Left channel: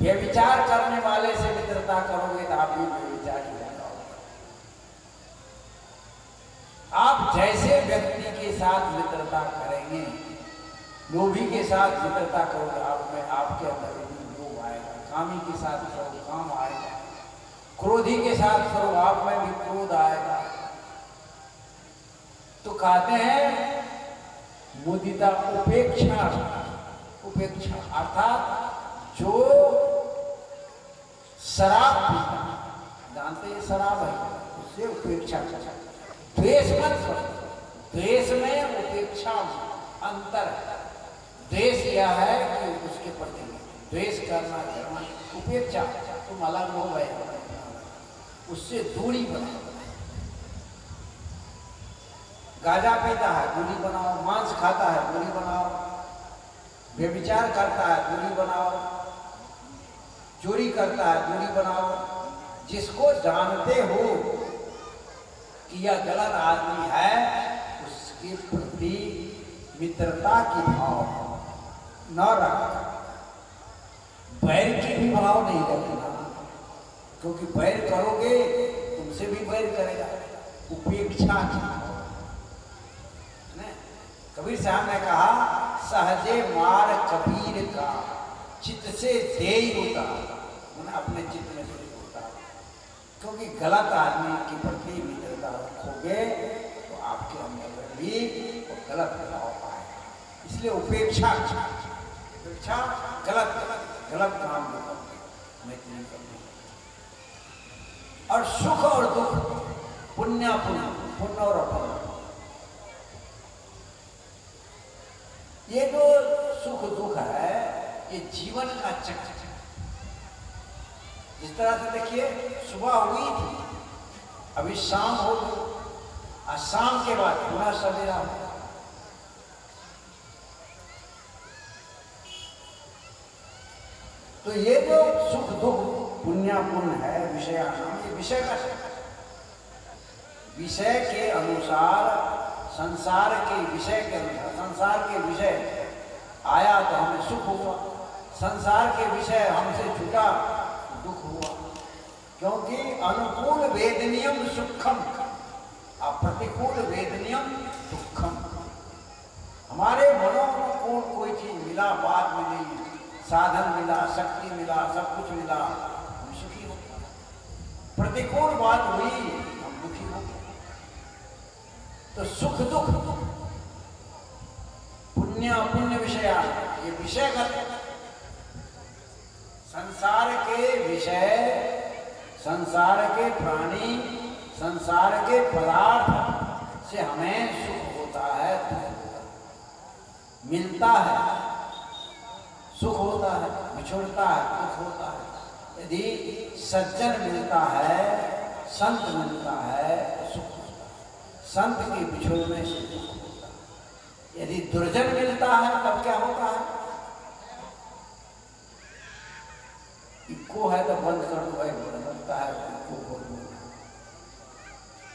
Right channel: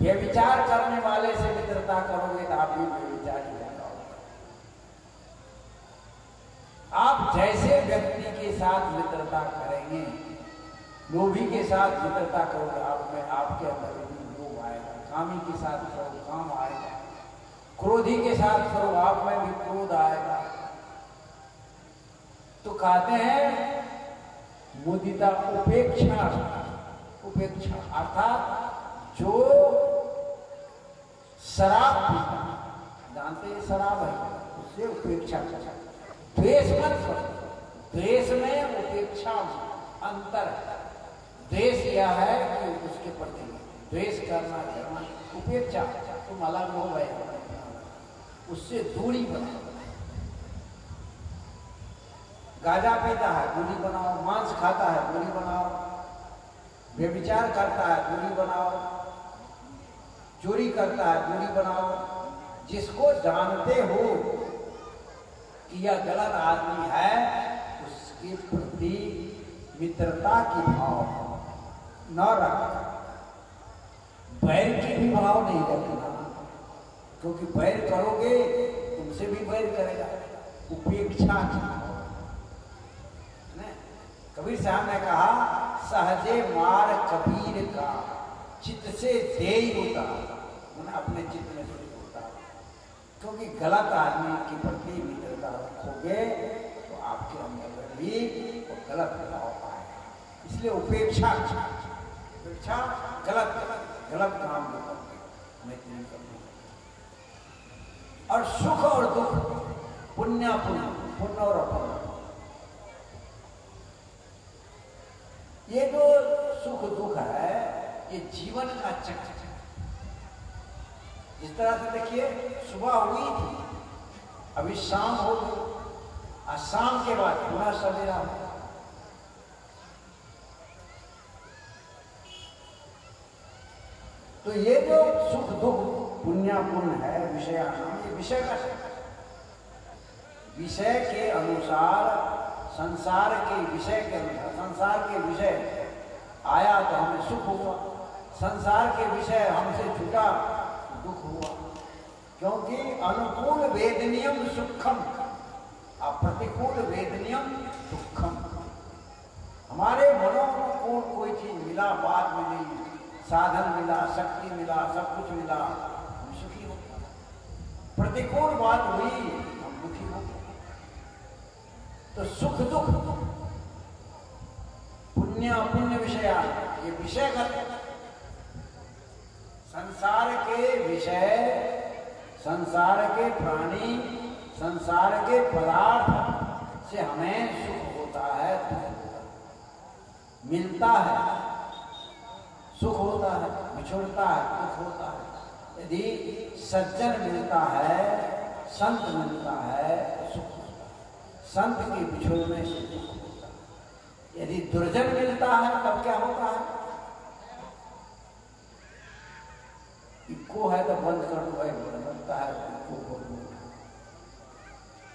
व्यभिचार करने वाले से मित्रता करोगे तो आप भी व्यभिचारी हो जाओगे। आप जैसे व्यक्ति के साथ मित्रता करेंगे, लोभी के साथ मित्रता करोगे, आप में आपके अंदर भी लोभ आएगा। कामी के साथ करो, काम आएगा। क्रोधी के साथ करो, आप में भी क्रोध आएगा। तो कहते हैं मुदिता उपेक्षा, उपेक्षा अर्थात जो शराब पीता, जानते हैं शराब है, उससे उपेक्षा करना। द्वेष मत करो, द्वेष में उपेक्षा अंतर है। द्वेष यह है कि उसके प्रति द्वेष करना, उपेक्षा तुम अलग हो गए, उससे दूरी बनाओ। गांजा पीता है, दूरी बनाओ। मांस खाता है, दूरी बनाओ। व्यभिचार करता है, दूरी बनाओ। चोरी करता है, दूरी बनाओ। जिसको जानते हो कि यह गलत आदमी है, उसके प्रति मित्रता की भाव न रखना। बैर की भी भाव नहीं रखना, क्योंकि बैर करोगे तुमसे भी बैर करेगा। उपेक्षा की भाव। कबीर साहब ने कहा सहजे मार कबीर का चित्त से देई होता, मैंने अपने चित्त में से होता। क्योंकि गलत आदमी के प्रति मित्रता रखोगे तो आपके अंदर भी वो गलत प्रभाव आएगा। इसलिए उपेक्षा, उपेक्षा गलत गलत काम को मैत्री करनी। और सुख और दुख, पुण्य पुण्य, पुण्य और अपुण्य, ये जो सुख दुख है ये जीवन का चक्र है। जिस तरह से देखिए सुबह हुई थी, अभी शाम हो गई, और शाम के बाद पुनः सवेरा हो। तो ये जो सुख दुख पुण्य पुण्य है, विषयानाम, ये विषय का चक्र। विषय के अनुसार, संसार के विषय के अनुसार, संसार के विषय आया तो हमें सुख हुआ, संसार के विषय हमसे छूटा दुख हुआ। क्योंकि अनुकूल वेदनीयम सुखम, प्रतिकूल वेदनीयम दुखम। हमारे मनोनुकूल कोई चीज मिला, बात मिली, साधन मिला, शक्ति मिला, सब कुछ मिला, हम सुखी हो। प्रतिकूल बात हुई, हम दुखी हो। तो सुख दुख, पुण्य अपुण्य विषय, ये विषयगत। संसार के विषय, संसार के प्राणी, संसार के पदार्थ से हमें सुख होता है, दुख होता है। मिलता है सुख होता है, बिछुड़ता है दुख होता है। यदि सज्जन मिलता है, संत मिलता है, सुख होता है। संत के बिछुड़ने से दुख होता है। यदि दुर्जन मिलता है तब क्या होता है? इको है तो बंद कर दो भाई, बनता है इको बोल दो।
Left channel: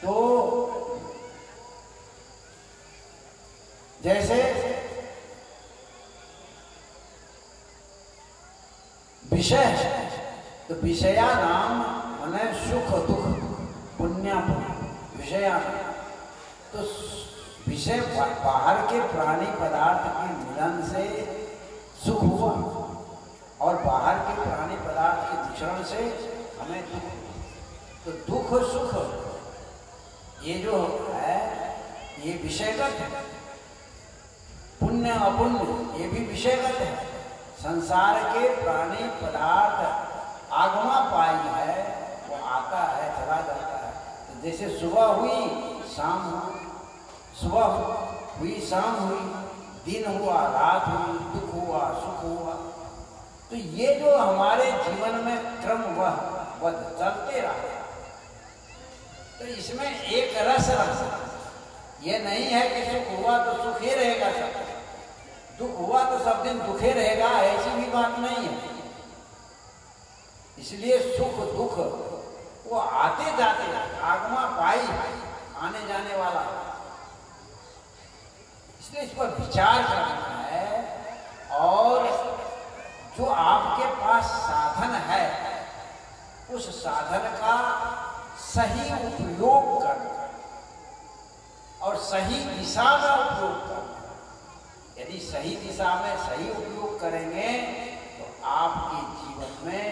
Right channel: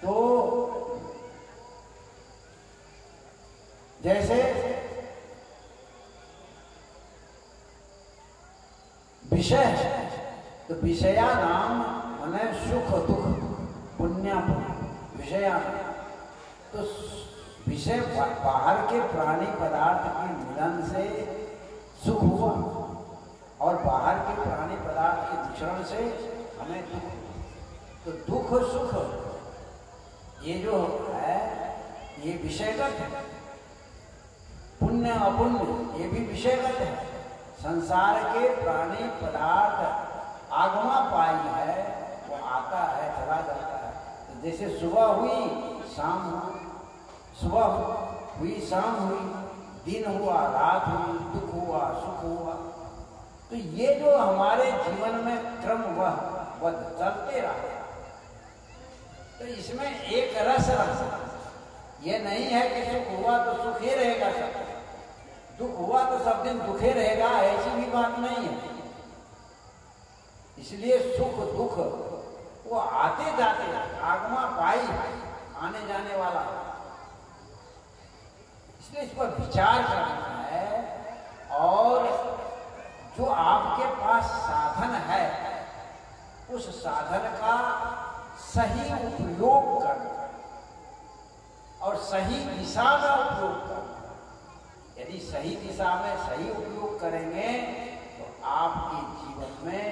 तो जैसे विषय है, तो विषया नाम माने सुख दुख, पुण्य पुण्य, विषया। तो विषय बाहर के प्राणी पदार्थ के मिलन से सुख हुआ, और बाहर के प्राणी पदार्थ के विचरण से हमें दुख। तो दुख सुख ये जो है ये विषयगत है। पुण्य अपुण्य ये भी विषयगत है। संसार के प्राणी पदार्थ आगमा पाई है, वो आता है चला जाता है। तो जैसे सुबह हुई शाम हुई, सुबह हुई शाम हुई, दिन हुआ रात हुई, दुख हुआ सुख हुआ। तो ये जो हमारे जीवन में क्रम वह चलते रहा। तो इसमें एक रस ये नहीं है कि सुख हुआ तो सुख ही रहेगा, सब दुख हुआ तो सब दिन दुखे रहेगा, ऐसी भी बात नहीं है। इसलिए सुख दुख वो आते जाते, आगमा पाई, आने जाने वाला। इसलिए इस पर विचार करना है। और जो आपके पास साधन उस साधन का सही उपयोग करना और सही दिशा में उपयोग करना। यदि सही दिशा में सही उपयोग करेंगे तो आपके जीवन में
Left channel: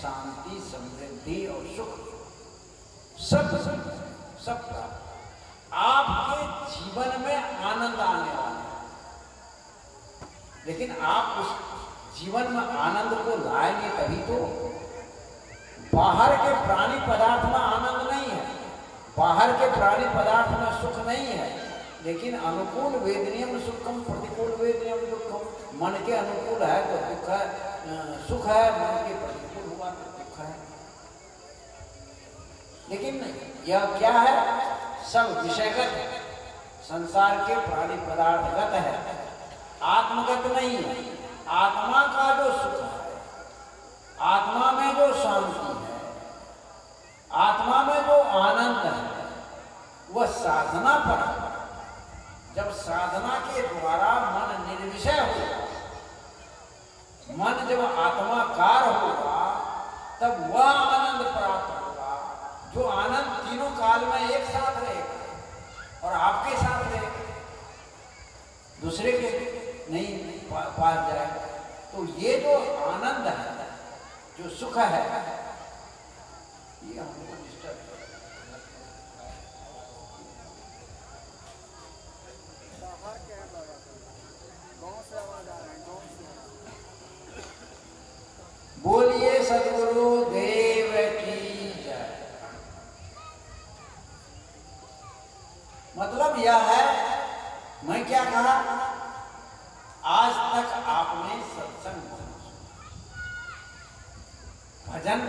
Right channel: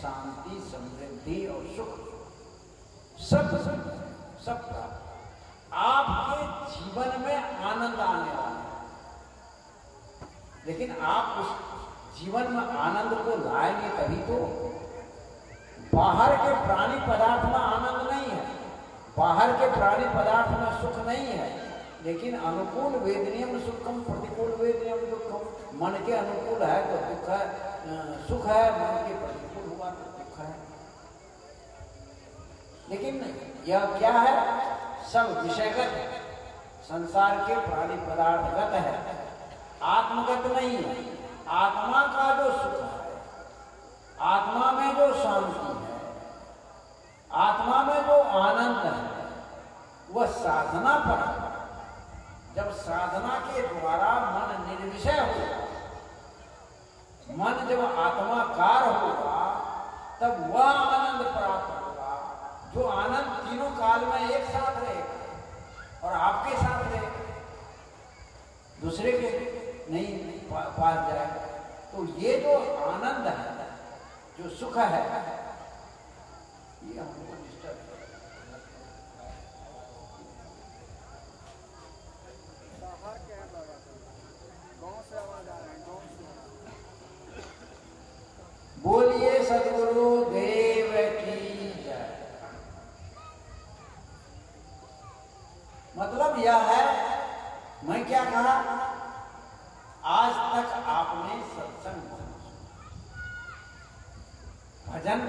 शांति, समृद्धि और सुख सब आपके जीवन में आनंद आने वाला है। लेकिन आप उस जीवन में आनंद को लाएंगे तभी तो। बाहर के प्राणी पदार्थ में आनंद नहीं है, बाहर के प्राणी पदार्थ में सुख नहीं है, लेकिन अनुकूल वेदनीयम सुखम, प्रतिकूल वेदनीयम दुखम। मन के अनुकूल है तो दुख है, सुख है, मन के प्रतिकूल हुआ तो दुख है। लेकिन यह क्या है? सब विषयगत है, संसार के प्राणी पदार्थगत है, आत्मगत नहीं है। आत्मा का जो सुख है, आत्मा में जो शांति है, आत्मा में जो आनंद है, वह साधना पर है। जब साधना के द्वारा मन निर्विषय होगा, मन जब आत्माकार होगा, तब वह आनंद प्राप्त होगा जो आनंद तीनों काल में एक साथ रहेगा और आपके साथ रहेगा, दूसरे के नहीं पास जाएगा। तो ये जो आनंद है, जो सुख है, ये हमको डिस्टर्ब बोलिए सद्गुरु देव की जय। मतलब यह है, मैं क्या कहा, आज तक आपने सत्संग भजन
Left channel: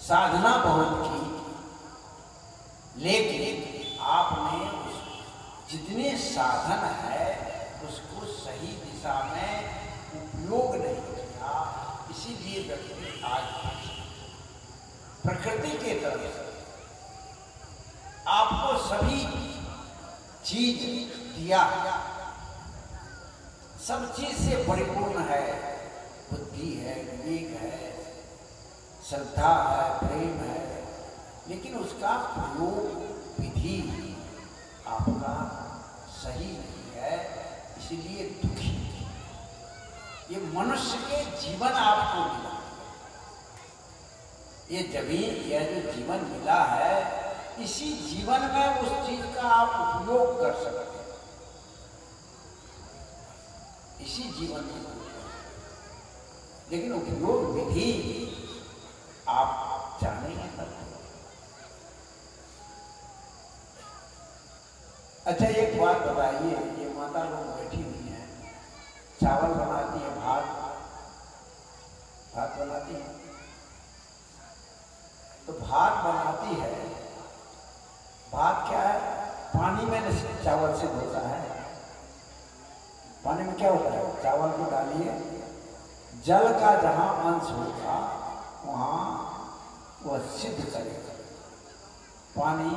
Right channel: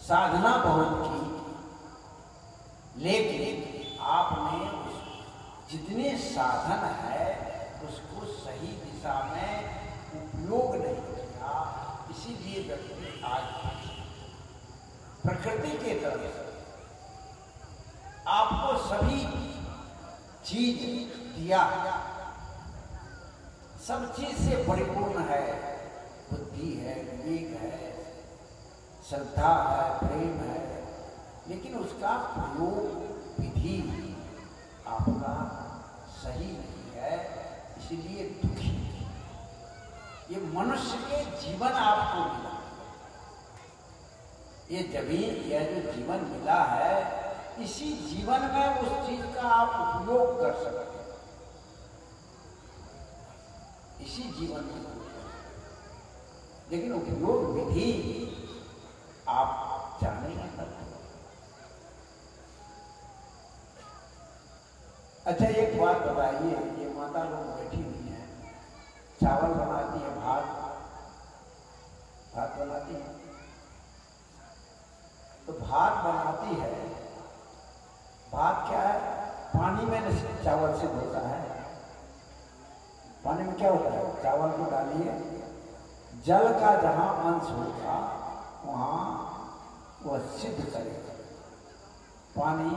साधना बहुत की, लेकिन आपने जितने साधन है उसको सही दिशा में उपयोग नहीं किया। इसीलिए व्यक्ति आज प्रकृति के तरफ से आपको सभी चीज दिया, सब चीज से परिपूर्ण है। बुद्धि है, विवेक है, श्रद्धा है, प्रेम है, लेकिन उसका प्रयोग विधि आपका सही नहीं है, इसलिए दुखी। ये मनुष्य के जीवन आपको मिला, यह जो जीवन मिला है, इसी जीवन में उस चीज का आप उपयोग कर सकते हैं, इसी जीवन में। लेकिन उपयोग विधि आप जाने नहीं पाते। अच्छा, एक बात बताइए, ये माता लोग बैठी हुई हैं, चावल बनाती है, भात बनाती है, तो भात बनाती है, भात क्या है? पानी में चावल से धोता है। पानी में क्या होता है? चावल को डालिए, जल का जहां अंश होगा वहां वह सिद्ध करेगा, पानी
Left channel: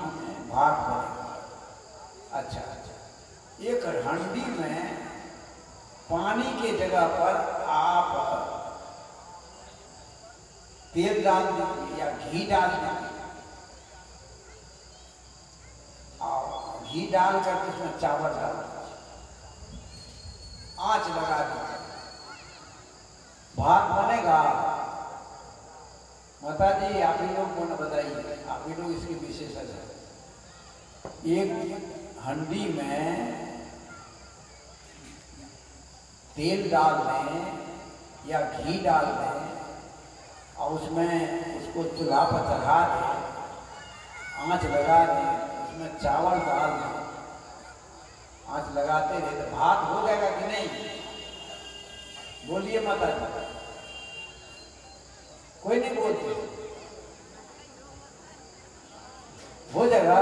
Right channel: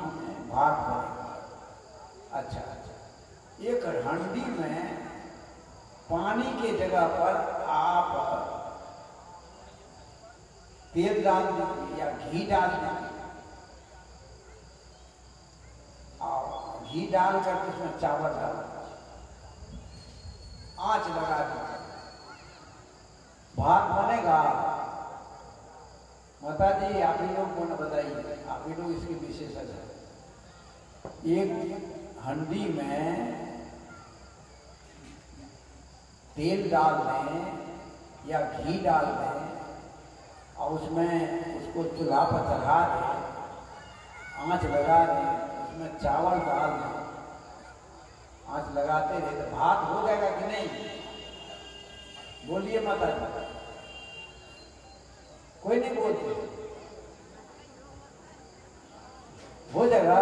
भात बनेगा। अच्छा, एक हंडी में पानी के जगह पर आप तेल डाल दीजिए या घी डाल दीजिए, और घी डाल करके उसमें चावल डाल दीजिए, आंच लगा दीजिए, भात बनेगा। माता जी आप ही लोग को न बताइए, आप ही लोग इसकी विशेषज्ञ है। एक हंडी में तेल डाल दें या घी डाल दें और उसमें उसको चूल्हा पर चढ़ा दें, आंच लगा दें, उसमें चावल डाल दें, आंच लगाते रहे तो भात हो जाएगा कि नहीं? बोलिए माता जी। कोई नहीं बोलते, हो जाएगा?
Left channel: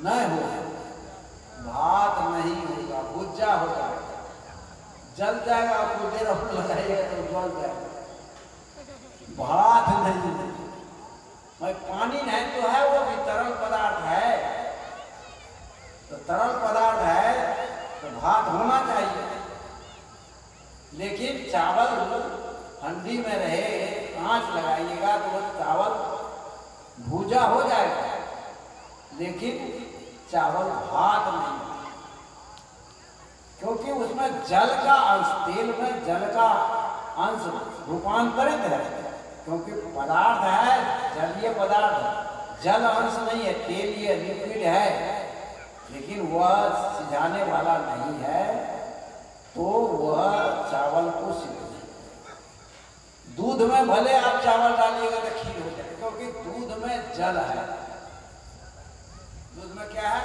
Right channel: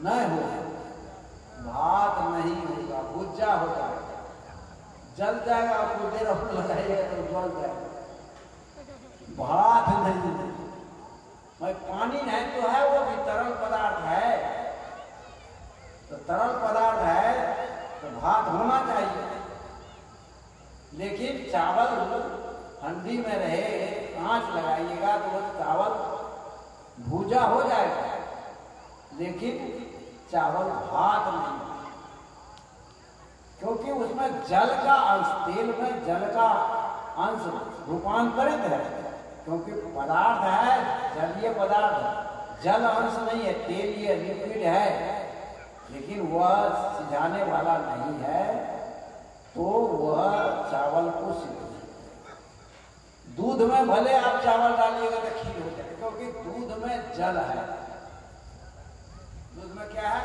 नहीं होगा, भात नहीं होगा, भुज्जा हो जाएगा, जल जाएगा। आपको देर लगाइएगा तो जल जाएगा, भात नहीं। भाई पानी नहीं तो है, वो भी तरल पदार्थ है, तो तरल पदार्थ है तो भात होना चाहिए। ठंडी में रहे, आंच लगाइएगा तो वो चावल भूजा हो जाएगा, लेकिन चावल भात नहीं, क्योंकि उसमें जल का अंश, तेल में जल का अंश रूपांतरित है, क्योंकि पदार्थ है जलीय पदार्थ, जल अंश नहीं है, तेलीय लिक्विड है, लेकिन वह सिझाने वाला नहीं है, तो वह चावल को सिद्ध। दूध में भले आप चावल डालिएगा तो खीर हो जाए, क्योंकि दूध में जल है। दूध में क्या है?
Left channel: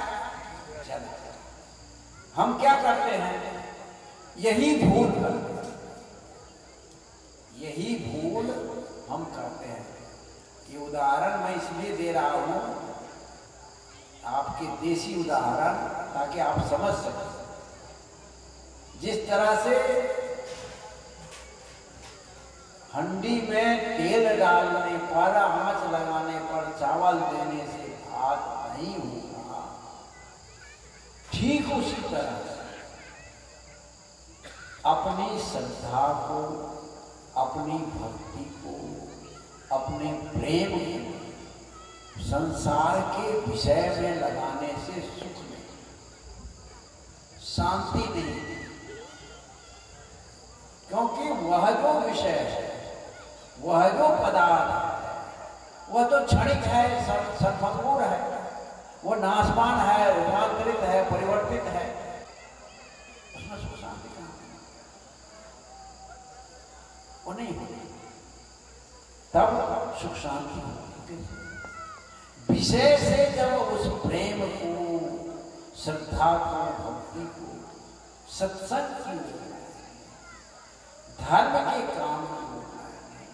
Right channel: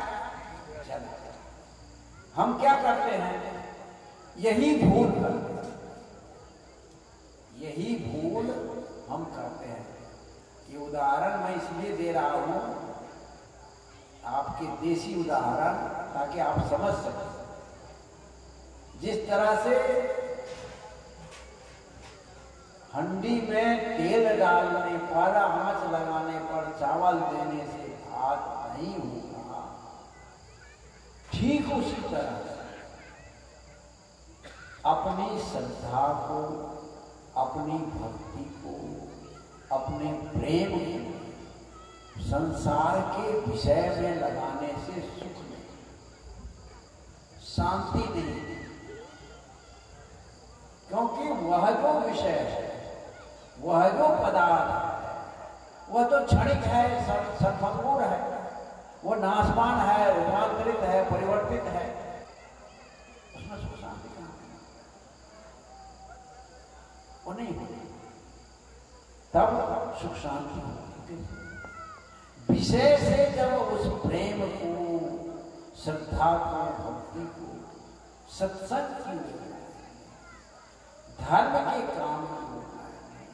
जल है। हम क्या करते हैं? यही भूल करते हैं, यही भूल हम करते हैं। ये उदाहरण मैं इसलिए दे रहा हूं, आपके देसी उदाहरण, ताकि आप समझ सकें। जिस तरह से हंडी में तेल डालने पर, आंच लगाने पर चावल देने से भात नहीं होगा, ठीक उसी तरह से अपनी श्रद्धा को, अपनी भक्ति को, अपने प्रेम को संसार के विषय में लगाने से सुख नहीं, शांति नहीं, क्योंकि वह जो विषय है, वह जो पदार्थ है, वह तो क्षणिक है, संभंगुर है, वो नाशवान है, रूपांतरित है, परिवर्तित है, उसमें सुख शांति कहां? वो नहीं होती, तब सुख शांति होती। विषय से जब उस प्रेम को, श्रद्धा को, भक्ति को सत्संग की ओर, धर्म के काम की ओर लाएंगे,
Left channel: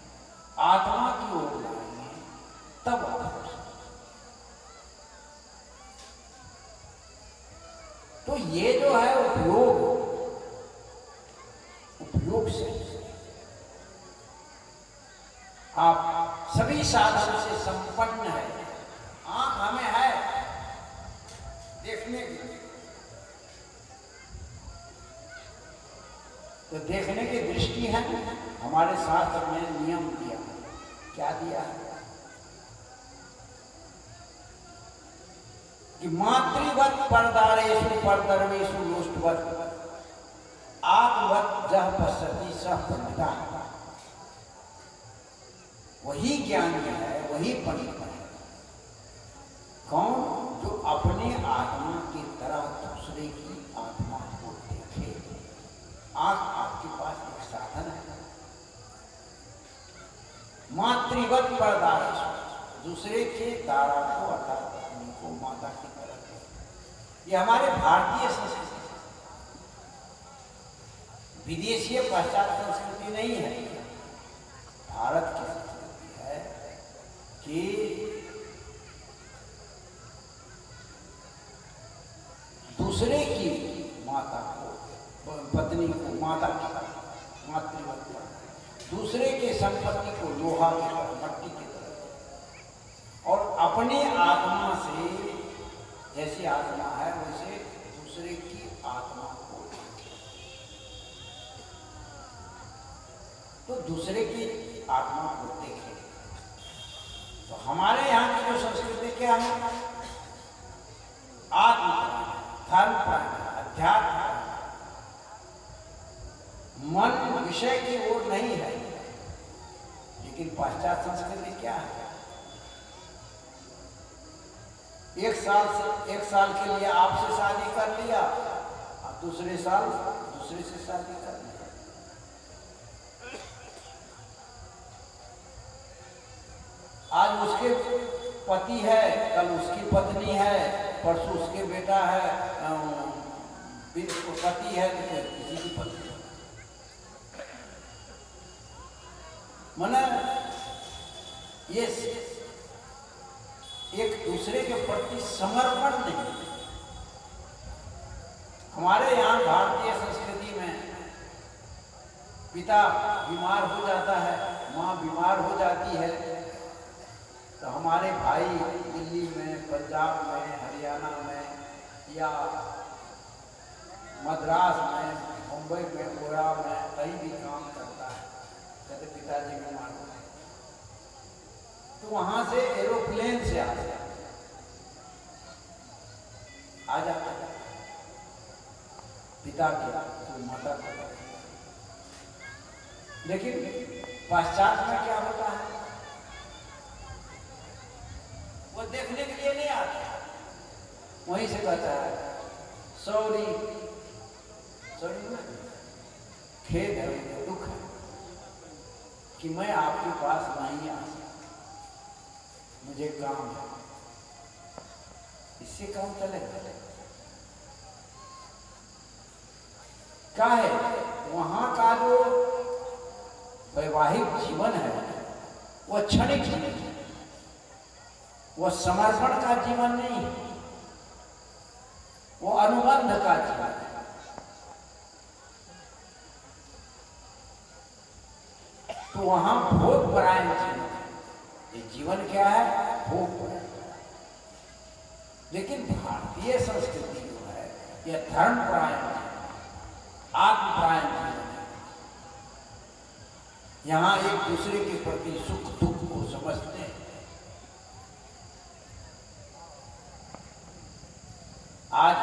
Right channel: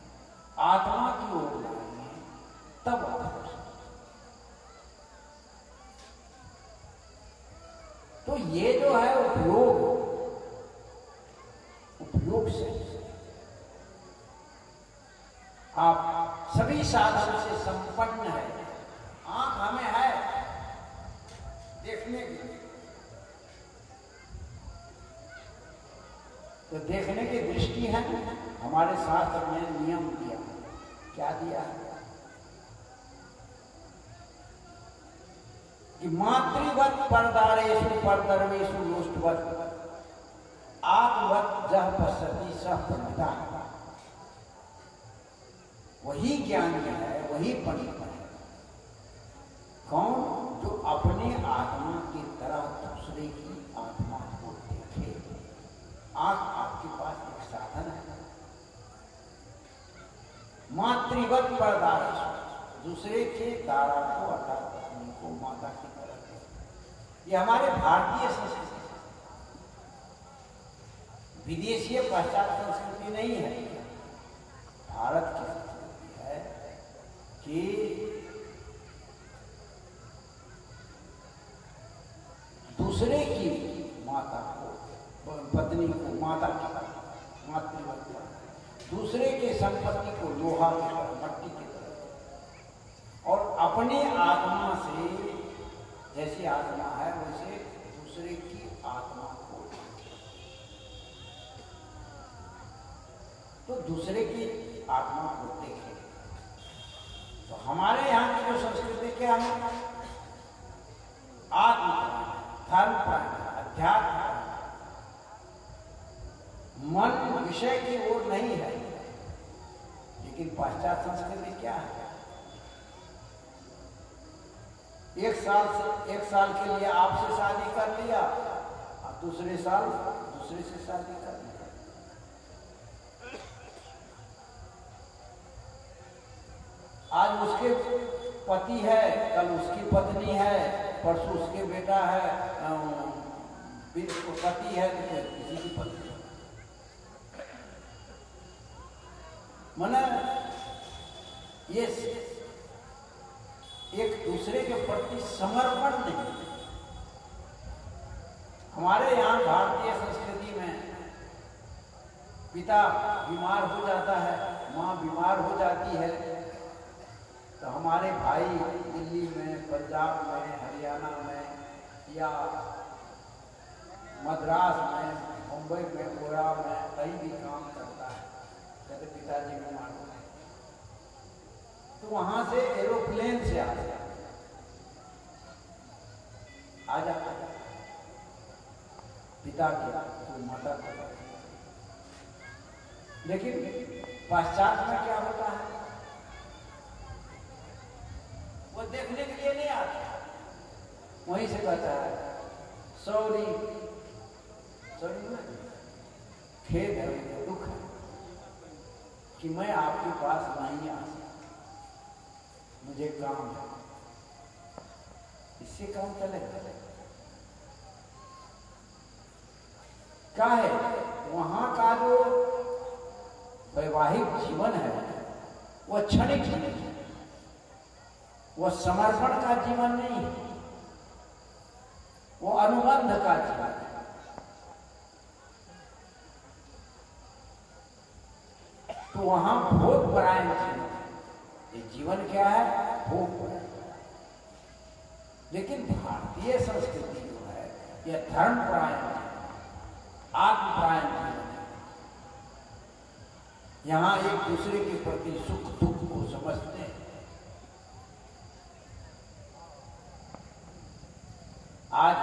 आत्मा की ओर लाएंगे, तब तो ये जो है उपयोग से आप सभी साधन से संपन्न है। आंख हमें है देखने के लिए, तो देखने की दृष्टि है। हमारे शास्त्र में नियम दिया, क्या दिया है कि मातृवत परदारेषु परदर्वेषु लोष्टवत आत्मवत जह पश्यति सह पंडितः। वही ज्ञानी है, वही पंडित है। कौन? जो अपने आत्मा की तरह दूसरे की आत्मा को देखे। आंख आपके पास एक साधन है। मातृवत परदारेषु, दूसरे के दारा को अर्थात अपनी को माता की तरह देखे। ये हमारे भारतीय संस्कृति, विदेशीय पाश्चात्य संस्कृति नहीं है, भारत की संस्कृति है कि दूसरे की माता को, पत्नी को माता की तरह मातृवत करना, दूसरे के संपत्ति को लोहा की तरह, मट्टी की तरह, और अपनी आत्मा से, जैसी आत्मा है वैसे दूसरे की आत्मा को, तो दूसरे की आत्मा को देखे। तो हमारे यहाँ की जो संस्कृति क्या है? आत्म धर्म प्राण, अध्यात्म, मन विषय की ओर नहीं है। लेकिन पाश्चात्य संस्कृति क्या है? एक साल के लिए आपसे शादी कर लिया, और दूसरे साल दूसरे से शादी कर लिया। आज उसके पति है, कल उसकी पत्नी है, परसों उसके बेटा है, पति है तो किसी की पत्नी। मना ये एक दूसरे के प्रति समर्पण नहीं। हमारे यहाँ भारतीय संस्कृति में पिता बीमार हो जाता है, माँ बीमार हो जाती है, तो हमारे भाई दिल्ली में, पंजाब में, हरियाणा में या मद्रास में, मुंबई में, गोरा में कहीं भी काम करता है, कहते पिताजी को मार दो। तो वहां से एरोप्लेन से आ जाता पिता के तो माता को। लेकिन पश्चात में क्या होता है, वो देखने के लिए नहीं आता, वहीं से कहता है सॉरी सॉरी, खेद है, मुझे दुख है कि मैं आपके पास नहीं आ सकता, मुझे काम है। इससे काम चलेगा क्या है? वहां का जो वैवाहिक जीवन है वो क्षणिक जीवन है, वो समर्पण का जीवन नहीं है, वो अनुबंध का जीवन है। तो वहां भोग परायण जीवन है। ये जीवन क्या है? भोग परायण। लेकिन भारतीय संस्कृति जो है यह धर्म परायण, आत्म परायण जीवन है। यहां एक दूसरे के प्रति सुख दुख को समझते हैं। आज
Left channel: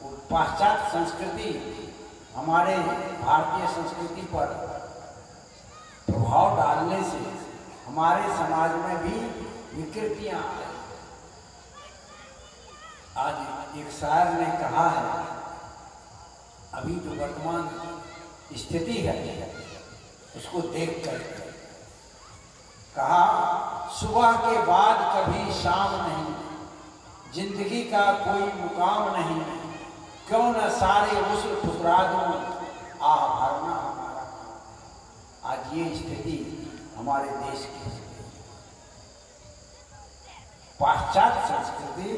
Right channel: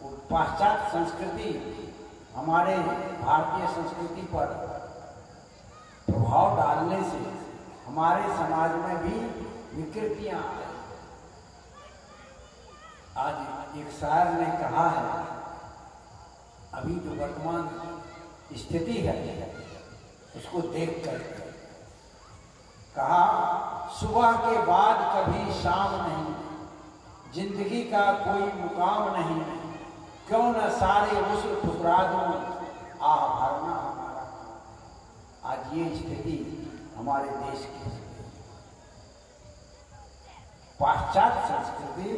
वो पाश्चात्य संस्कृति हमारे भारतीय संस्कृति पर प्रभाव डालने से हमारे समाज में भी विकृतियां आ रही। आज एक शायर ने कहा है, अभी जो वर्तमान स्थिति है उसको देख कर कहा, सुबह के बाद कभी शाम नहीं, जिंदगी का कोई मुकाम नहीं, क्यों न सारे उस्र ठुकरा दूं, आह भरना हमारा। आज ये स्थिति हमारे देश की। पाश्चात्य संस्कृति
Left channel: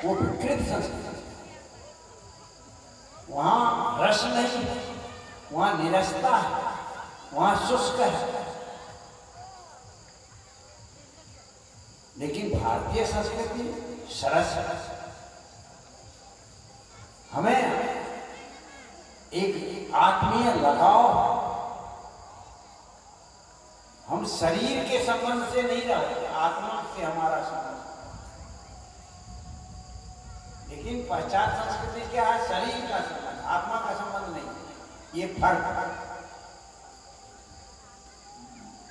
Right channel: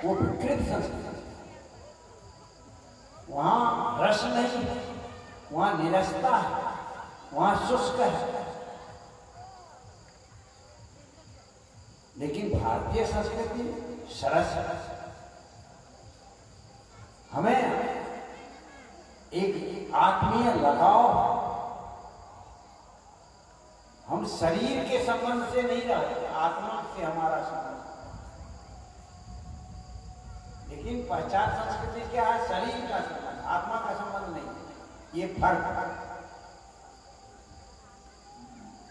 वो विकृत संस्कृति, वहां रस नहीं है, वहां निरसता है, वहां शुष्क है। लेकिन भारतीय संस्कृति सरस है। हमें एक आत्मीय लगाव, हम शरीर के संबंध से नहीं रहते, आत्मा से हमारा संबंध। लेकिन पाश्चात्य संस्कृति क्या है? शरीर का संबंध, आत्मा का संबंध नहीं। ये फर्क।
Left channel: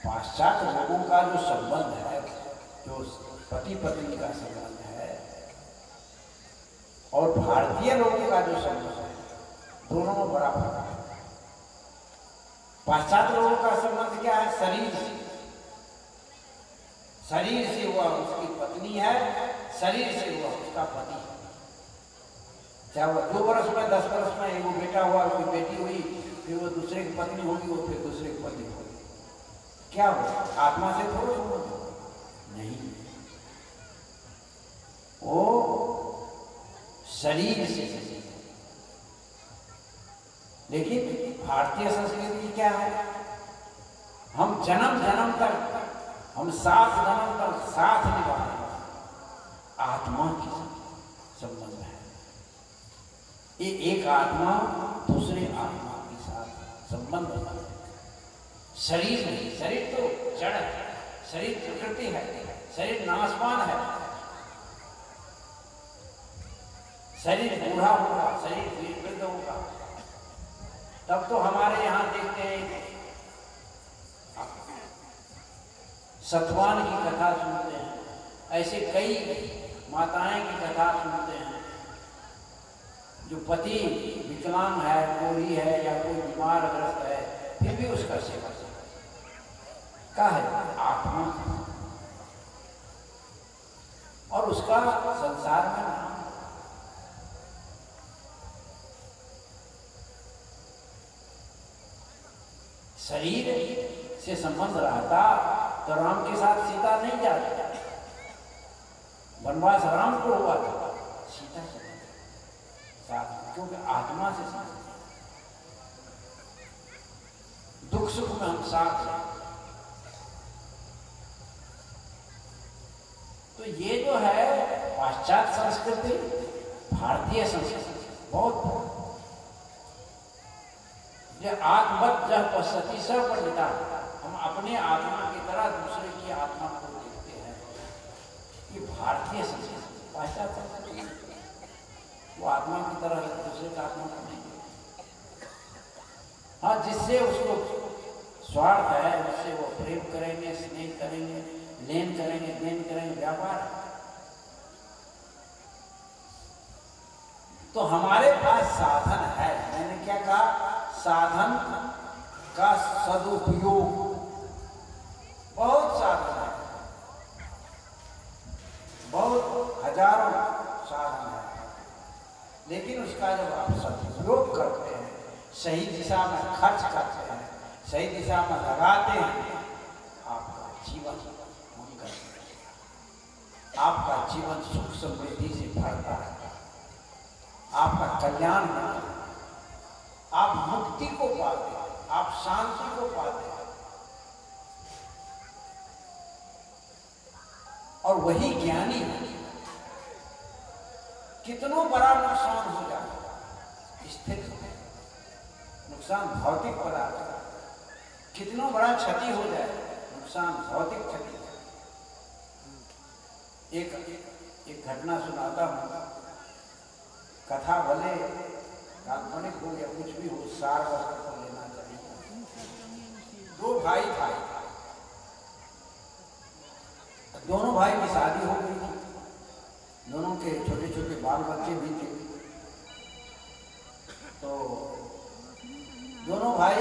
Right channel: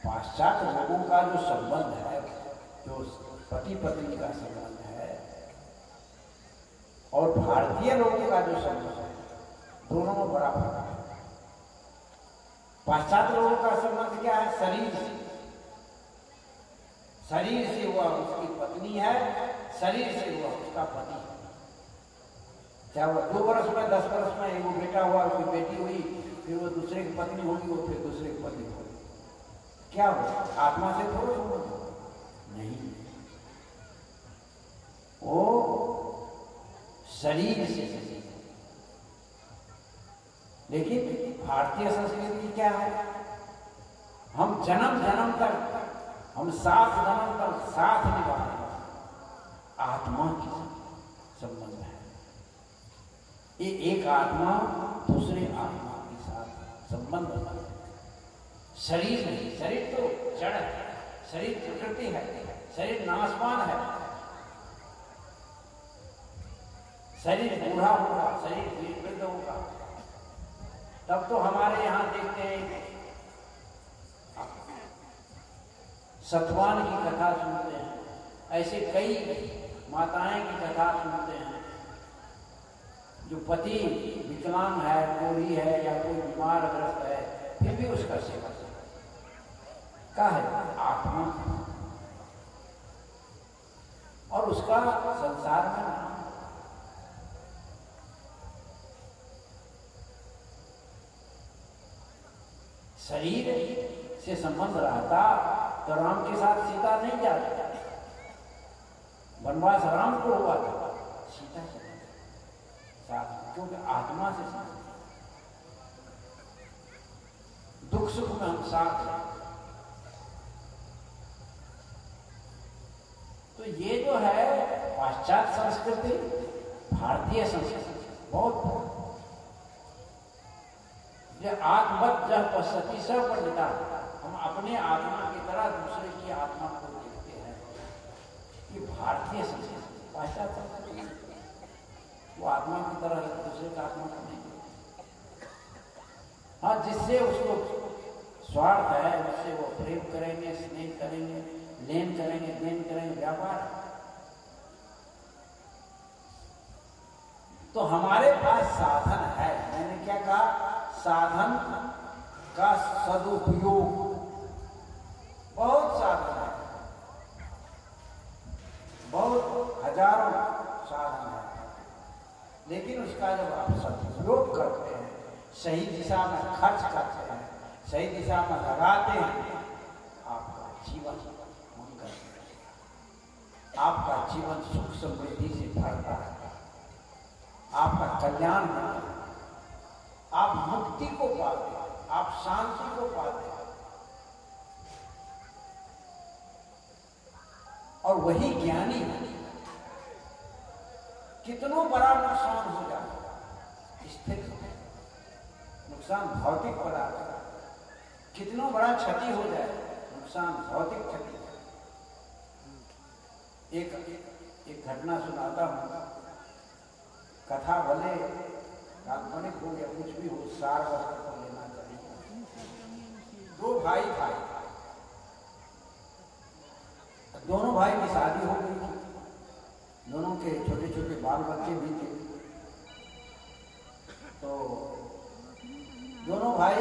पाश्चात्य लोगों का जो संबंध है, जो पति पत्नी का संबंध है, और भारतीय लोगों का जो संबंध है, दोनों में बड़ा फर्क है। पाश्चात्य लोगों का संबंध क्या है? शरीर से। शरीर से हुआ उसकी पत्नी है, शरीर से हुआ उसका पति है। चाहे वो 2 वर्ष में 10 वर्ष में एक बेटा हुआ, कोई बेटी हुई, फिर वो दूसरे की पत्नी होगी, वो फिर दूसरे की पत्नी होगी। क्या हो? आत्मा से थोड़ा संबंध नहीं, वो शरीर से। लेकिन भारतीय संस्कृति क्या है? हम जन्म जन्म तक, हम 7 जन्म तक साथ निभाते, आत्मा की संबंध है। ये एक आत्मा दूसरे आत्मा के साथ संबंध होता है। शरीर नहीं, शरीर तो जड़ है, शरीर प्रकृति है, शरीर नाशवान है, शरीर बूढ़ा होगा, शरीर वृद्ध होगा। तब तो हमारे यहाँ देखते हैं, सतवान की कथा सुनते हैं, ऐसे कई माताएं की कथा सुनते हैं जो पति विकलांग है, कोढ़ी है या कोई बीमार ग्रस्त है, फिर भी उसका सेवा क्या है? आत्मा। और उसका संसार में नाम। शरीर से संबंध रहता तो राम के साथ सीता नहीं जाती। वनवास राम को हुआ था, सीता से साथ, क्योंकि आत्मा से संबंध। दुख सुख में हम साथ हैं। तो ये जो है पाश्चात्य संस्कृति, भारतीय संस्कृति बहुत आत्मवत जह पश्यति स पंडिता, हम अपने आत्मा की तरह दूसरे की आत्मा को देखते हैं। ये भारतीय संस्कृति, पाश्चात्य संस्कृति, वो आत्मा की तरह दूसरे का आत्मा को नहीं देखते। हाँ, जिससे उसको स्वार्थ है, उससे वो प्रेम करेंगे, स्नेह करेंगे, लेन करेंगे, देन करेंगे, व्यापार। तो हमारे पास साधन है। मैंने क्या कहा? साधन का सदुपयोग। बहुत साधन है, बहुत हजारों साधन है, लेकिन उसका जब आप सदुपयोग करते हैं, सही दिशा में खर्च करते हैं, सही दिशा में लगाते हैं, आपका जीवन मंगल, आपका जीवन सुख समृद्धि से भरता है, आपका कल्याण होता है, आप मुक्ति को पाते हैं, आप शांति को पाते हैं। और वही ज्ञानी कितनों बड़ा नुकसान हो जाए, स्थिर नुकसान भौतिक पदार्थ का, कितनों बड़ा क्षति हो जाए, नुकसान भौतिक क्षति। एक घटना सुनाता हूँ। कथा भले काल्पनिक हो या कुछ भी हो, सार वस्त्र को लेना चाहिए। दो भाई भाई, दोनों भाई की शादी हो गई थी, दोनों के छोटे छोटे बाल बच्चे भी थे। तो दोनों भाई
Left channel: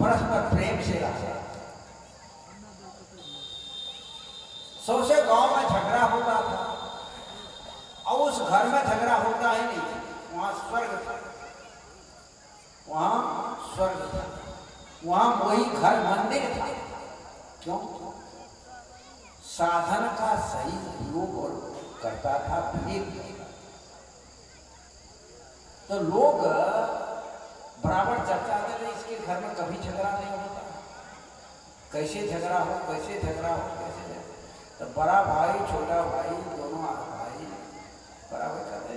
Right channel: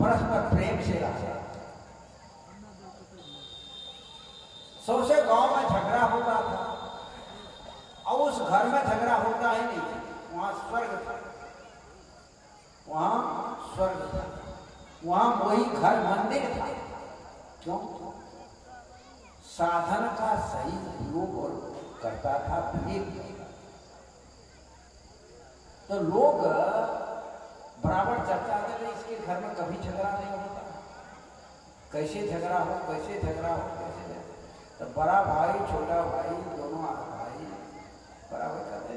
परस्पर प्रेम से रहते। सौसे गांव में झगड़ा होता था, और उस घर में झगड़ा होता ही नहीं, वहां स्वर्ग था, वहां स्वर्ग था, वहां वही घर मंदिर था। क्यों? साधन का सही उपयोग करता था विवेक। तो लोग बराबर चर्चा करते, इसके घर में कभी झगड़ा नहीं होता, कैसे झगड़ा हो, कैसे झगड़ा हो, कैसे झगड़ा। तो बड़ा भाई छोटा भाई दोनों भाई बराबर करते।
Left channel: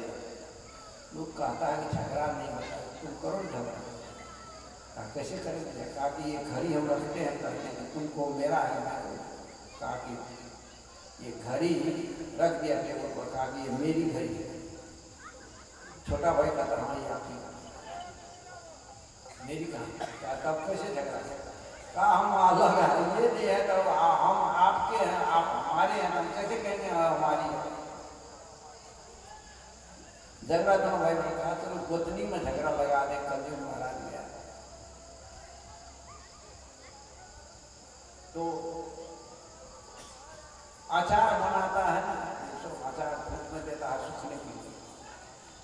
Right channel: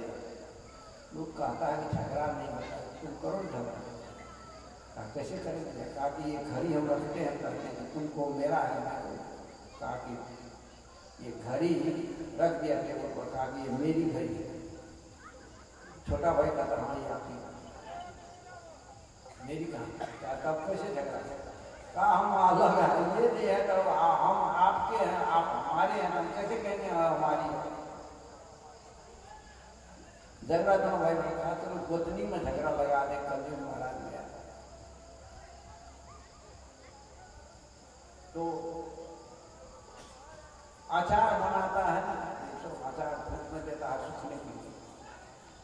लोग कहता है कि झगड़ा नहीं होता, तुम करो झगड़ा। कैसे करेंगे? कहा कि ये घड़ी हम रखते हैं, कहते हैं तुमको मेरा है, मैं कहा कि ये घड़ी रख दिया टेबल पर, कहा कि ये मेरी घड़ी है। छोटा भाई कहता हाँ ये आपकी मेरी कहा। तब कैसे झगड़ा? कहा हम अलग है, ये नहीं है तो हम आपके हैं, आप हमारे हैं, हम कैसे कहेंगे हमारी? झगड़ा दोनों भाई ने कहा चलो गोतनी में झगड़ा लगा दे, कलयुग महाराज गया। तो अचार बनाता है ना, तो अचार धूप में देता है सूखने के लिए।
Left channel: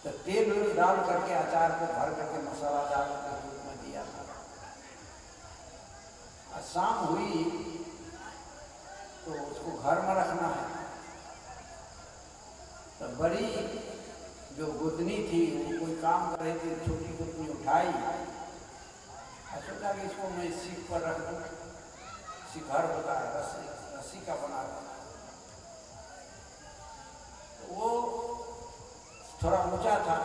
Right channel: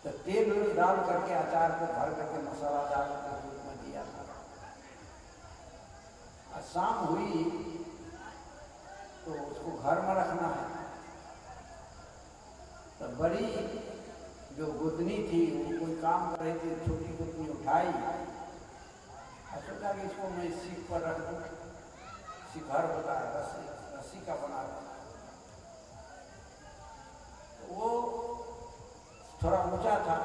तो तेल वेल डाल करके अचार को भर करके मसाला डाल करके धूप में दिया था। शाम हुई तो उसको घर में रखना है। तो बड़ी जो गोतनी थी वो कोई काम कर रही थी, छोटी गोतनी उठाई, सोचा कि इसको मैं सीख पर रख दूँ। शिखर होता है रस्सी का बना था, तो वो थोड़ा ऊंचा था,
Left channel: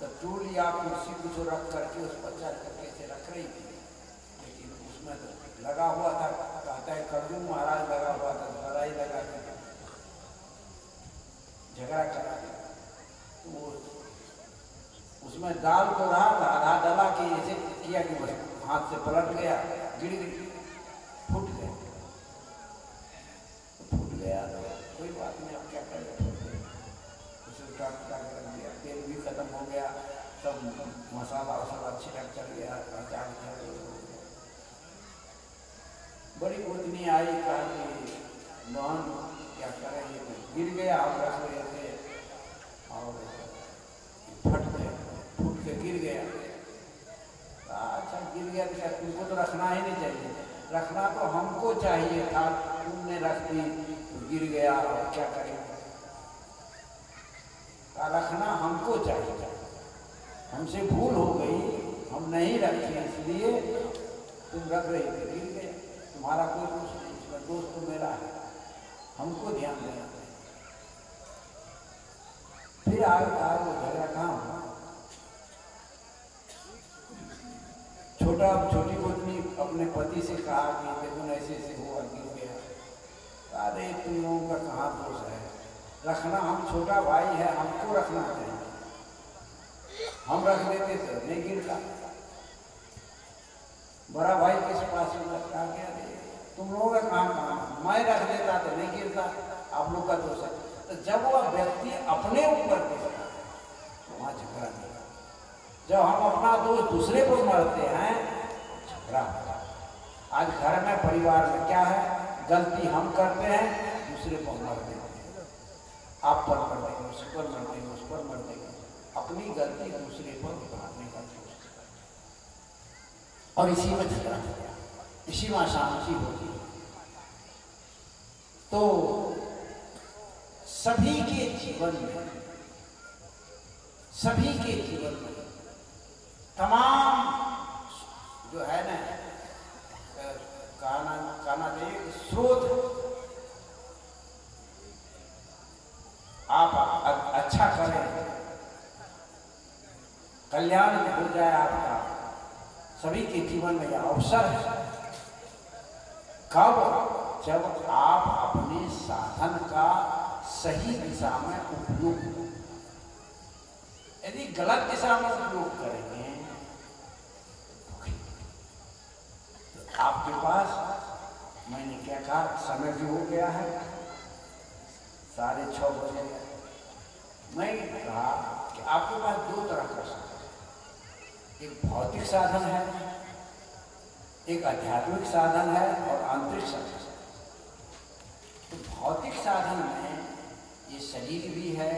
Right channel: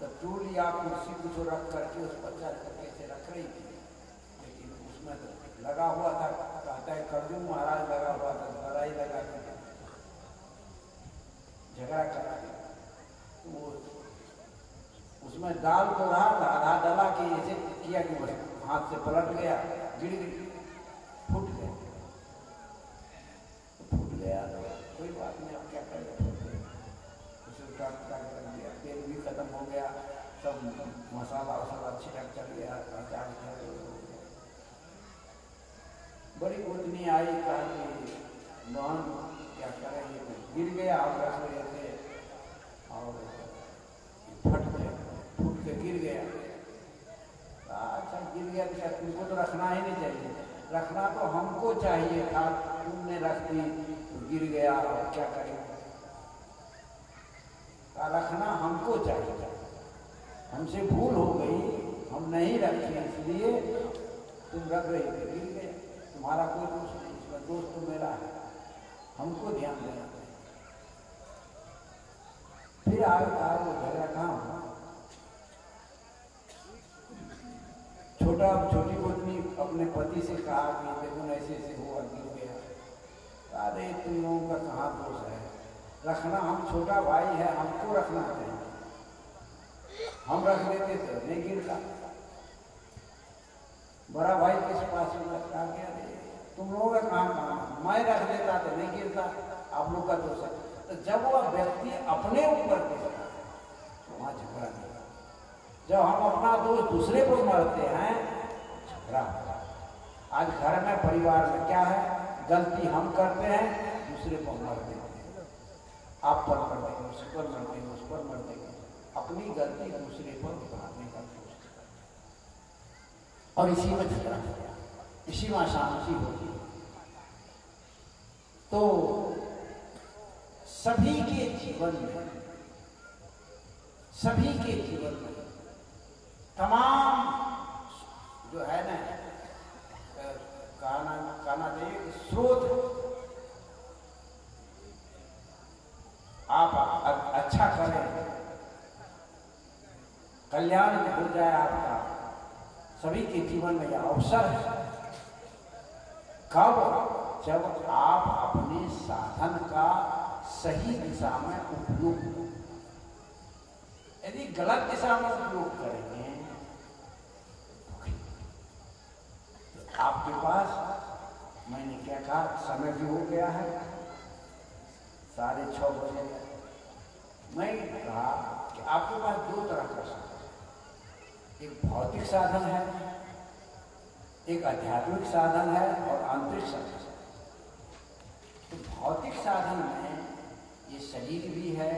तो टूल या कुर्सी कुछ रख करके उस पर चढ़ करके ऐसे रख रही थी, लेकिन उसमें तो लगा हुआ था, कहता है कलयुग महाराज लगा हुआ था, लड़ाई लगा के झगड़ा करा। तो वो उसमें डाल तो रहा था, आधा डाला कि ऐसे किया कि बस हाथ से पलट गया, गिर गई, फूट गया। तो फूट गया तो कोई बात नहीं, अब क्या करेगा, फूट गया। उसे उठा कर दिया, तेल भी खत्म हो गया, सब मसाला वसाला छिड़क चल गया, अचार बड़ी गोतनी आई, कहा कि बहन क्या करें, ये गिर गया, आप रख रहे थे और फट गया, फूट के गिर गया। अच्छा गिर गया तो क्या तुमको तो रखना ही नहीं चाहिए, रखना तो हमको चाहिए था, तुमने रख दी तो गिर गया, और क्या करें? रखना हमको चाहिए, हमसे भूल हो गई, हम नहीं रखे, इसलिए तुम रख रही थे, गिर गया, तुम्हारा कोई दोष नहीं, इसमें दोष तो मेरा है, हमको ध्यान देना चाहिए। फिर आगे कहा वो झगड़ा कहाँ हुआ? छोटी गोतनी अपने पति से कहा कि देखो ऐसे ऐसे हुआ गिर गया। अरे तुम लोगों का कहाँ दोष है, रखना, हम छोटा भाई है, हमको रखना चाहिए, हम रख देते तो नहीं गिरता। बड़ा भाई किस पास में रखा गया, तुम लोगों का कहाँ, मैं रख देता तो नहीं गिरता, आप लोग का दोष है। तो जब वह व्यक्ति अपने ऊपर गिरता है तो वहाँ झगड़ा नहीं। जब हम अपना दोष दूसरे को मारते हैं झगड़ा होता है। आज घर में परिवार में क्या है, गलती हम करते हैं, दूसरे को मार देते हैं, आप पर मर देंगे, उस पर मर देंगे, उस पर मर देंगे, अपनी गलती दूसरे पर उतारने का कोशिश करते। और इसी में झगड़ा हो गया, इसी में अशांति होगी। तो सभी के जीवन में, सभी के जीवन में तमाम जो है ना, कहना चाहिए स्रोत, आप अच्छा करें, कल्याण हो जाए आपका, सभी के जीवन में यह अवसर है। कब? जब आप अपने साधन का सही दिशा में उपयोग, यदि गलत दिशा में उपयोग करेंगे तो आपके पास, मैंने क्या कहा, समय भी हो गया है 6:30 बजे। मैं कहा कि आपके पास दो तरह का साधन, एक भौतिक साधन है, एक आध्यात्मिक साधन है और आंतरिक साधन है। तो भौतिक साधन में ये शरीर भी है,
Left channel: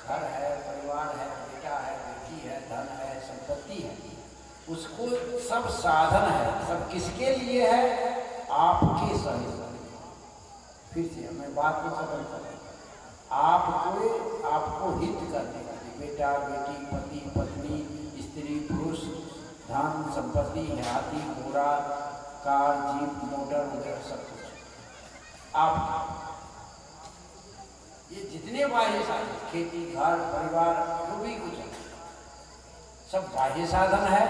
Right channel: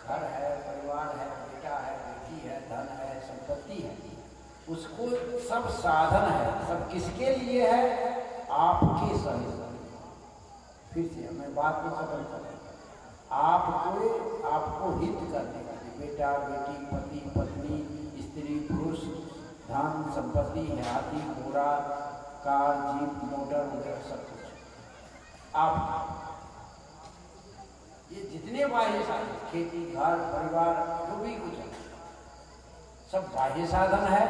घर है, परिवार है, बेटा है, बेटी है, धन है, संपत्ति है, उसको सब साधन है, सब किसके लिए है? आपके सहयोग। फिर से मैं बात को खत्म करूँ, आपको हित करने का, बेटा बेटी, पति पत्नी, स्त्री पुरुष, धन संपत्ति, हाथी घोड़ा, कार जीप मोटर वगैरह सब कुछ आप, ये जितने बाह्य साधन, खेती घर परिवार जो भी कुछ है, सब बाह्य साधन है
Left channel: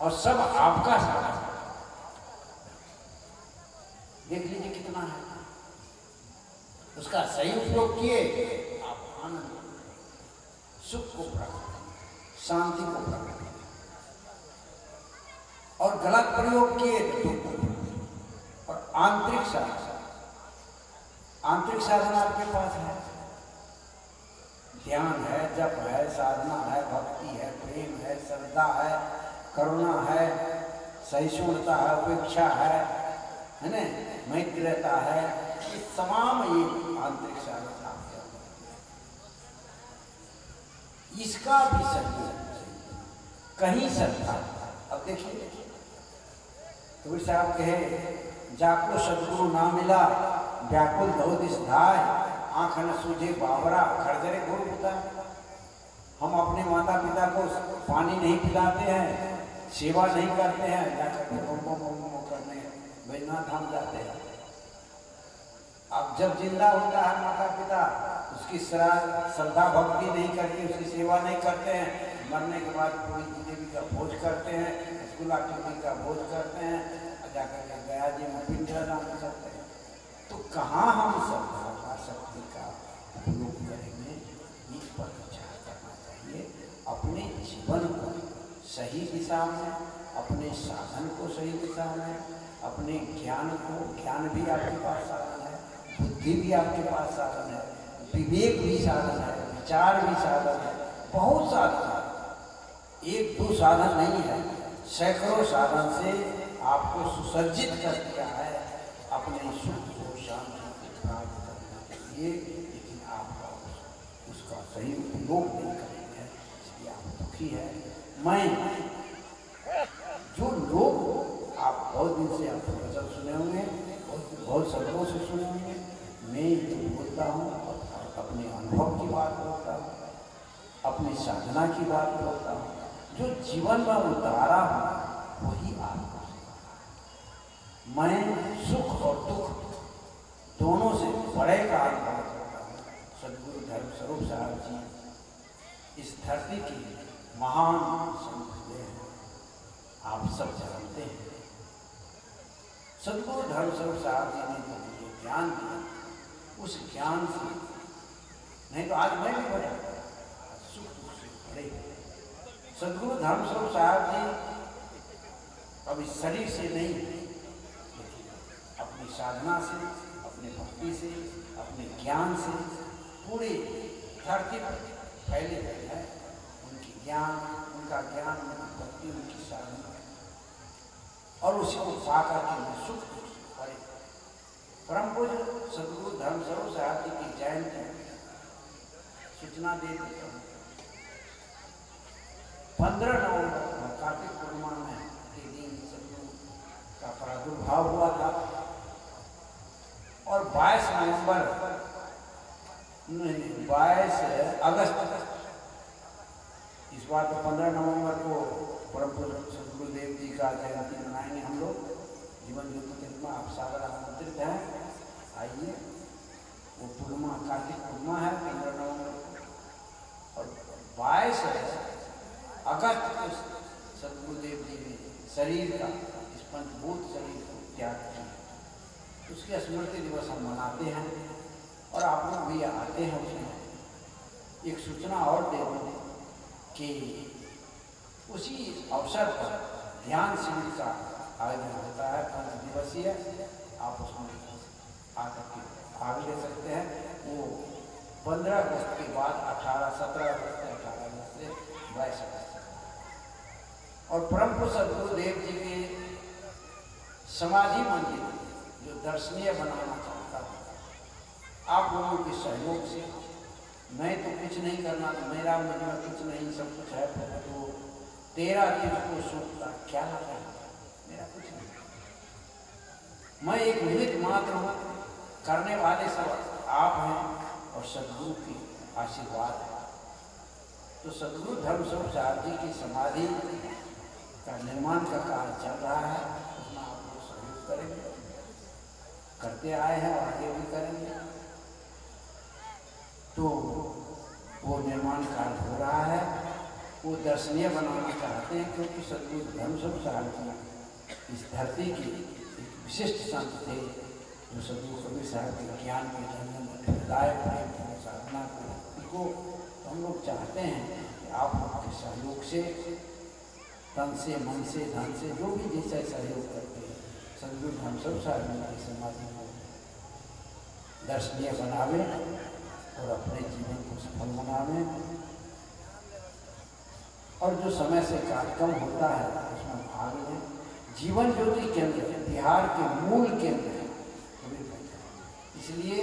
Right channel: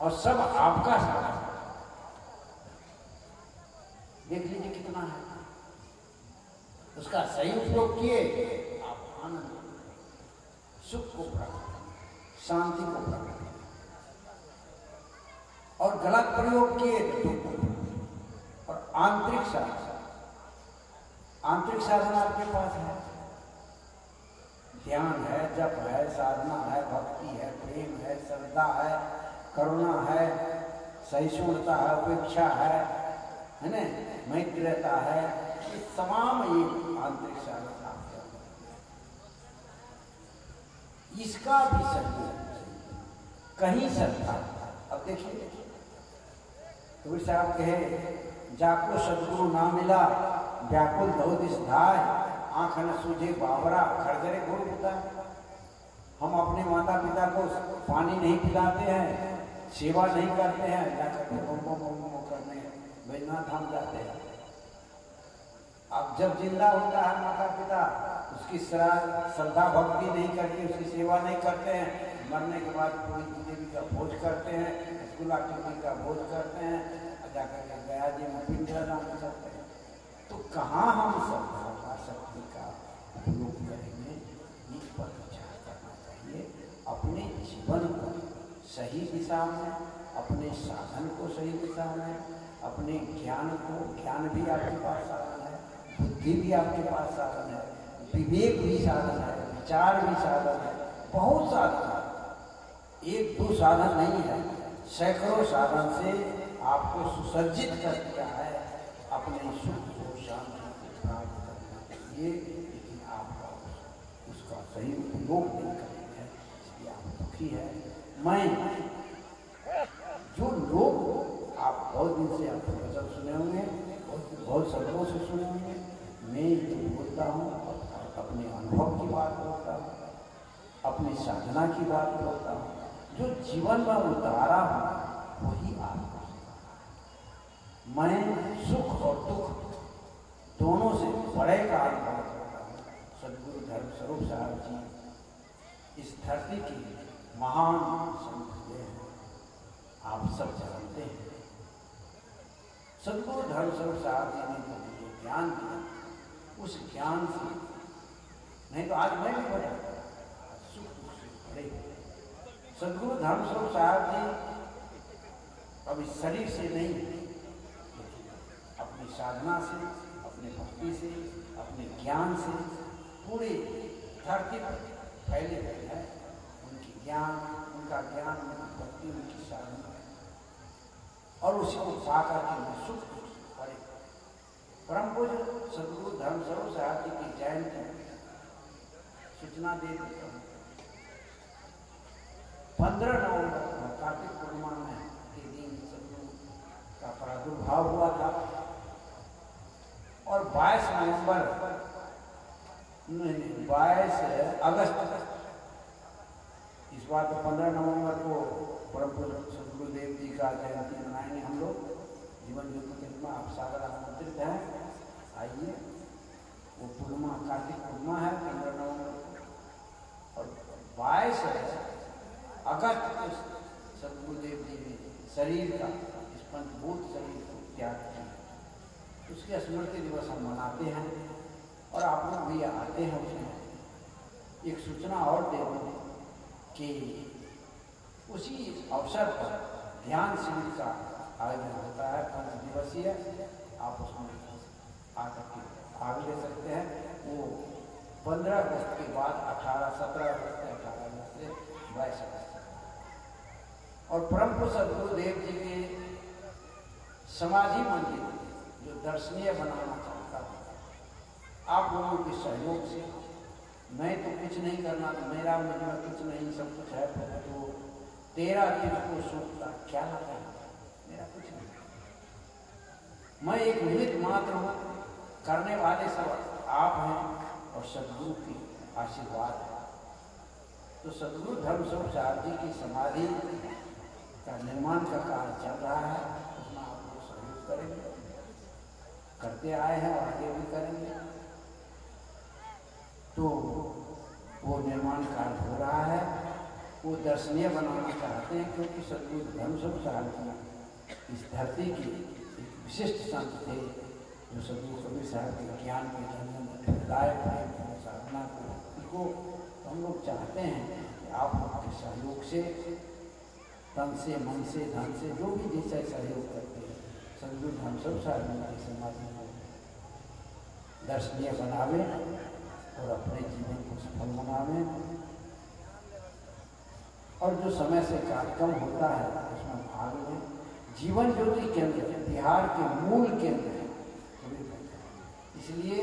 और सब आपका साधन है। देख लीजिए कितना है, उसका सही उपयोग किए आप आनंद, सुख को प्राप्त, शांति को प्राप्त, और गलत प्रयोग किए तो दुख को प्राप्त। और आंतरिक साधन, आंतरिक साधन आपके पास है, ध्यान है, जप है, साधना है, भक्ति है, प्रेम है, श्रद्धा है, करुणा है, सहिष्णुता है, उपेक्षा है ना, मैत्रीता है, ये तमाम ये आंतरिक साधन आपके अंदर, इसका भी सहयोग कहीं श्रद्धा। अब देखिए कबीर साहब कहे, जाको सदगुरु ना मिला व्याकुल धो दिस धाय, आंख न सूझे बावरा खड़गरे गुरु पिता। हम अपने माता पिता को पानी नहीं पिलाते हैं, सेवा नहीं करते हैं, जाकर के करने बैजनाथ धाम जाते हैं। अब जब जिंदा होता है माता पिता, उसकी श्रद्धा भक्ति नहीं करके, उसकी सेवा नहीं करते हैं, मरने के बाद पूरी जिलेबी का भोज करते हैं, रसगुल्ला टिक्की का भोज करते हैं, जाकर के गया जी में पिंडदान करते हैं। तो कहाँ हम श्रद्धा का शक्ति का उपयोग करेंगे, इस पर विचार करना चाहिए। अपने जीवन को सही दिशा में, अपने साधन को सही दिशा में, अपने ज्ञान को, ज्ञान भी आपके पास साधन है, बुद्धि भी आपके पास साधन है, विवेक भी साधन है, विचार भी साधन है, बहुत साधन है, एक दो साधन नहीं है, सैकड़ों साधन से आपको सुसज्जित कर दिया है अपने सुख को, शांति को प्राप्त करने के लिए। लेकिन आप उसका सही उपयोग नहीं करेंगे, इसलिए आप दुखी है। मैं जो लोग, आप बहुत दिन से आप वचन सुने होंगे, बहुत शब्दों से सुने होंगे, मैं जो बोलता हूँ अपने अनुभव की बात बोलता हूँ, अपनी साधना की बात बोलता हूँ, जो जीवन में उतारा हूँ वही आपको। मैं सुख और दुख दोनों से बड़े का अनुभव करता हूँ। सदगुरु धर्म स्वरूप साहब जी इस धरती की महान संत हैं, आप सब जानते हैं। सदगुरु धर्म स्वरूप साहब जी ने जो मुझे ज्ञान दिया, उस ज्ञान से, नहीं तो आज मैं भी पढ़ा, सुख दुख से पढ़े। सदगुरु धर्म स्वरूप साहब जी कभी शरीर से नहीं, लेकिन अपनी साधना से, अपने भक्ति से, अपने ज्ञान से पूरे धरती पर फैले हुए हैं। उनकी ज्ञान, उनका ज्ञान, उनकी भक्ति, उनकी साधना, और उसी को पाकर के मैं सुख पड़े। परम पूज्य सदगुरु धर्म स्वरूप साहब जी की जयंती सूचना दे देता हूँ। 15 नवंबर कार्तिक पूर्णिमा में के दिन सदगुरु का प्रादुर्भाव हुआ था, और 22 अगस्त, इस बार तो 15 नवंबर को परम पूज्य सदगुरुदेव जी का जयंती मनाएंगे हम लोग। जीवन ज्योति केंद्र में आप सागर आमंत्रित हैं, आइए। वो पूर्णिमा कार्तिक पूर्णिमा है 15 नवंबर को, और 22 अगस्त को सदगुरुदेव जी ने शरीर का, इस पंचभूत शरीर को त्याग किया। उसके स्मृति दिवस हम मनाते हैं, और आप लोग भी आते हैं। उसमें एक सूचना और दे दूँ कि उसी अवसर पर ध्यान शिविर का आयोजन होता है 5 दिवसीय। आप उसमें आकर के भाग ले सकते हैं। वो 15 अगस्त के बाद 17 अगस्त से 18 अगस्त से 22 अगस्त, और परम पूज्य सदगुरुदेव जी के समाधि मंदिर जो दर्शनीय बनाना चाहता था, आप लोगों के सहयोग से, मैं तो कुछ नहीं करना, तो मेरा मुझमें कुछ नहीं, सब कुछ है। तो 13 दिन को सूखता क्या लगा, मेरा कुछ नहीं, मैं एक निमित्त मात्र हूँ। करने वाले सब आप हैं, और सदगुरु की आशीर्वाद है। तो सदगुरु धर्म स्वरूप साहब जी की समाधि का निर्माण का कार्य चल रहा है, उसमें आप लोग सहयोग करेंगे, करते आए हैं और आगे भी करेंगे। तो वो निर्माण कार्य हो रहा है, वो दर्शनीय बनाना चाहते हैं, क्योंकि सदगुरु धर्म स्वरूप साहब जी इस धरती के एक विशिष्ट संत थे, जो सदगुरु कबीर साहब के ज्ञान के जन्म, हृदय प्रेम, साधना को हम लोग चाहते हैं कि आप लोग के सहयोग से, तन से, मन से, धन से, जो भी जैसा सहयोग करते हैं, सदगुरु धर्म स्वरूप साहब जी की समाधि को दर्शनीय बनावे और अपने जीवन को सफल बनावे। और जो समय से कार्यक्रम होता है उसमें भाग लें। जीवन ज्योति केंद्र बिहार के मूल केंद्र है, इसलिए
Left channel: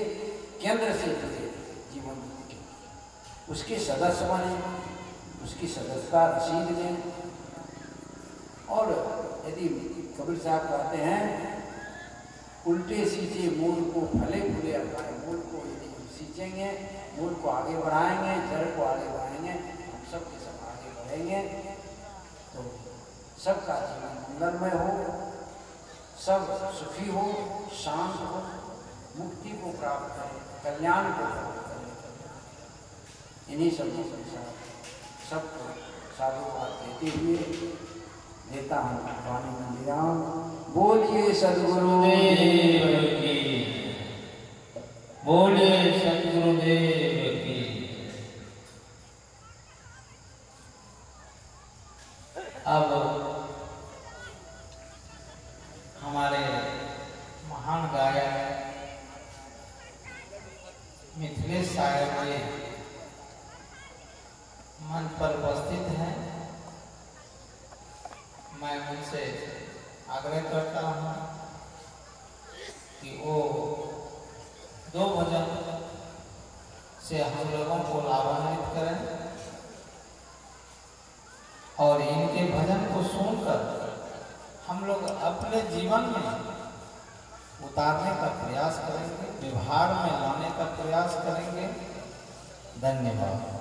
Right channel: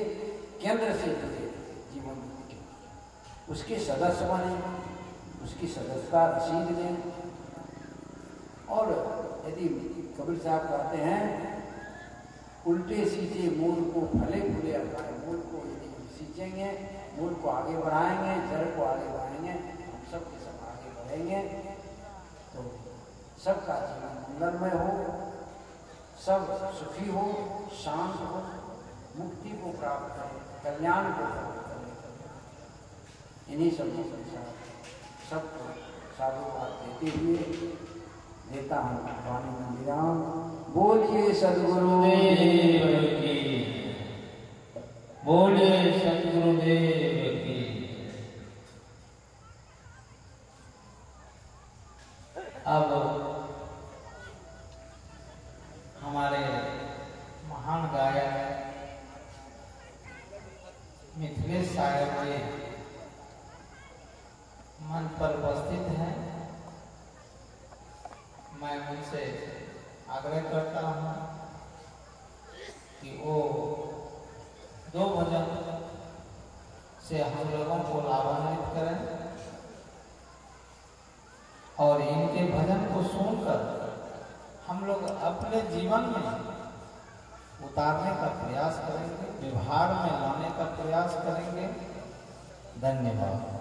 केंद्र से जुड़े जीवन ज्योति केंद्र, उसके सदस्य बने, उसकी सदस्यता रसीद लें। और यदि कबीर साहब कहते हैं, उल्टे सीधे मूल को फले फूले अपाए, मूल को यदि हम सींचेंगे, मूल को आगे बढ़ाएंगे, जड़ को आगे बढ़ाएंगे, हम सब के सब आगे बढ़ेंगे, तो सबका जीवन मंगलमय हो, सब सुखी हो, शांत हो, मुक्ति को प्राप्त करें, कल्याण को प्राप्त करें। इन्हीं सब सबको साधुवाद देते हुए देता हूँ वाणी में विराम। बोलिए सद्गुरुदेव की, बोलिए सद्गुरुदेव की। अब हमारे महान गायक मिथिलेश सागर जी मंच पर उपस्थित हैं। मैं उनसे आग्रह करता हूँ कि वो 2 भजन से हम लोगों को लाभान्वित करें, और इनके भजन को सुनकर हम लोग अपने जीवन में उतारने का प्रयास करेंगे, व्यवहार में लाने का प्रयास करेंगे। धन्यवाद।